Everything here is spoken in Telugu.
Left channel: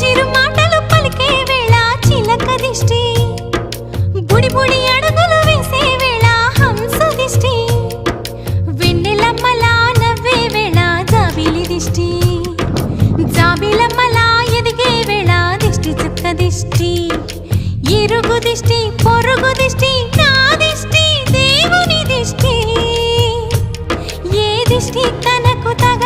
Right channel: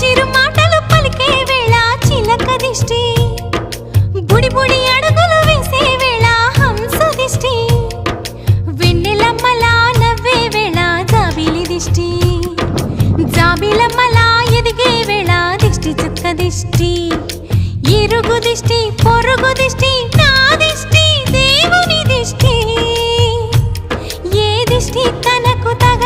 చిరు మాటలు పలికే వేళ చిలక దిష్టి, బుడి బుడి అడుగులు వేసే వేళ హంస దిష్టి, వెన్నెలమ్మలా నవ్వే వేళ జాబిలి దిష్టి, జాబిలమ్మలా ఎదిగే వేళ దిష్టి చుక్క దిష్టి, ఇరుగు దిష్టి పొరుగు దిష్టి నా దిష్టి దేవుని దిష్టి, ఏ దిష్టి తనకు తగ